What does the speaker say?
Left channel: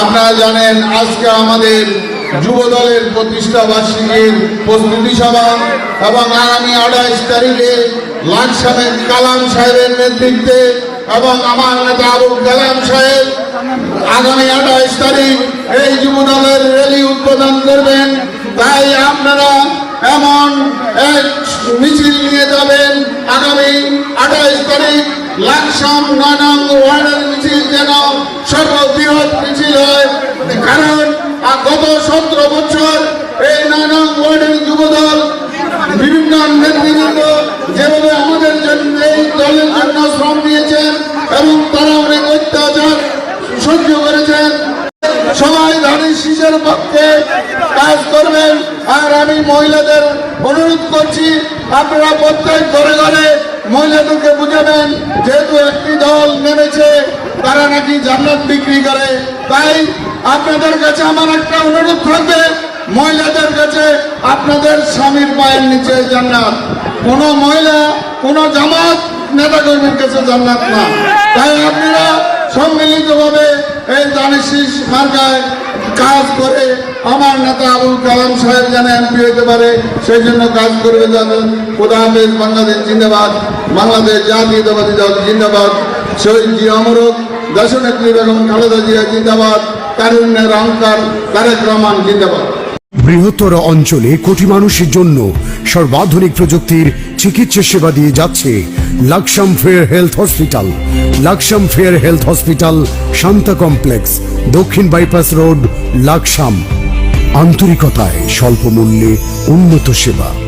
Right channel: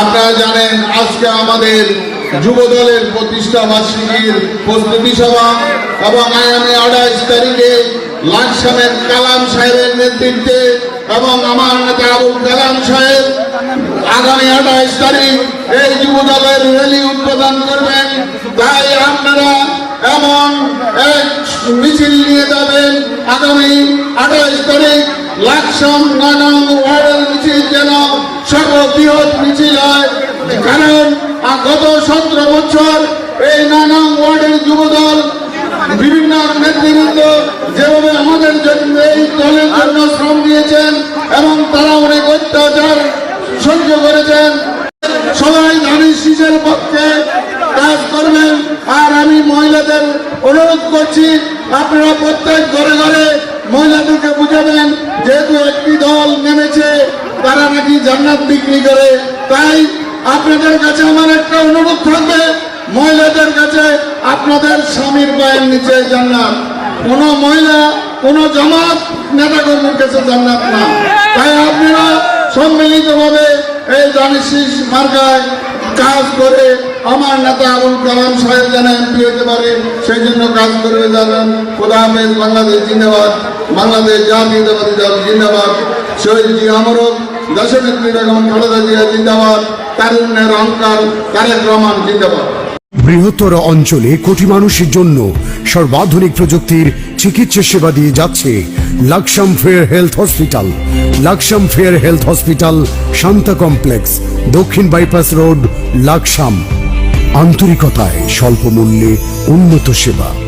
আপনারা জানেন, আজকে আমাদের যুব দলের প্রতিষ্ঠা বার্ষিকীর প্রস্তুতি সভা এবং আগামী আঠাইশ তারিখে লাকসামের কালাম সাহেবের নেতৃত্বে এবং আমার নেতা আবুল কালাম সাহেব আগামী আঠাইশ তারিখ এই যুব দলের র্যালি উদ্বোধন করবেন। তাই আপনারা এমন এক মিছিল নিয়ে যাবেন। আগামী আঠাইশ তারিখ লাকসাম নয়নং ওয়ার্ডের মিছিল যেন সর্ববৃহৎ মিছিল হয় কারণ গত সতেরো বছর এই নয়নং ওয়ার্ডের যুবদল, বিভিন্ন নেতৃবৃন্দ যেভাবে আমাদের জন্য এই দলের জন্য শ্রম দিয়েছেন এবং তারা অনেক অত্যাচার সহ্য করেছেন। সবাই ধানের শীষের পক্ষে কাজ করবেন। আর আমি মহিলাদের অনুরোধ করছি, আপনারা প্রত্যেক ঘরে ঘরে তারা নাকি জান্নাত বিক্রি করে। তাই আপনাদের কাছে আমার একটা অনুরোধ থাকবে, মহিলাদের কাছে আপনাদের স্বামীর পায়ের নিচে জান্নাত। কোন মহিলা, কোন জামাত নেতা কর্মীর কাছে জান্নাত না। তাই আপনারা সম্মিলিতভাবে এই জানিসিস মার্কায় কাজ করে আমার নেতা আবুল কালাম সাহেব যেন এমপি হতে পারে, সেই জন্য কাজ করবে খোদা হাফেজ, বাংলাদেশ জিন্দাবাদ, বাংলাদেশ জাতীয়তাবাদী দল জিন্দাবাদ। শহীদ জি অমরক দেশনেত্রী বেগম খালেদা জিয়া জিন্দাবাদ। তারুণ্যের অহংকার তারেক রহমান, জিন্দাবাদ। বৃহত্তর অঞ্চলে কোটি মানুষের জন্য সর্বাধুনিক প্রযুক্তির চিকিৎসা সেবা দিয়ে যাচ্ছে Laksam fair health hospital. Laksam fair health hospital, Shanta complex, দক্ষিণ বাইপাস রোড, লাকসাম। আন্তরিকতায় স্বল্প মূল্যে উন্নত সেবা।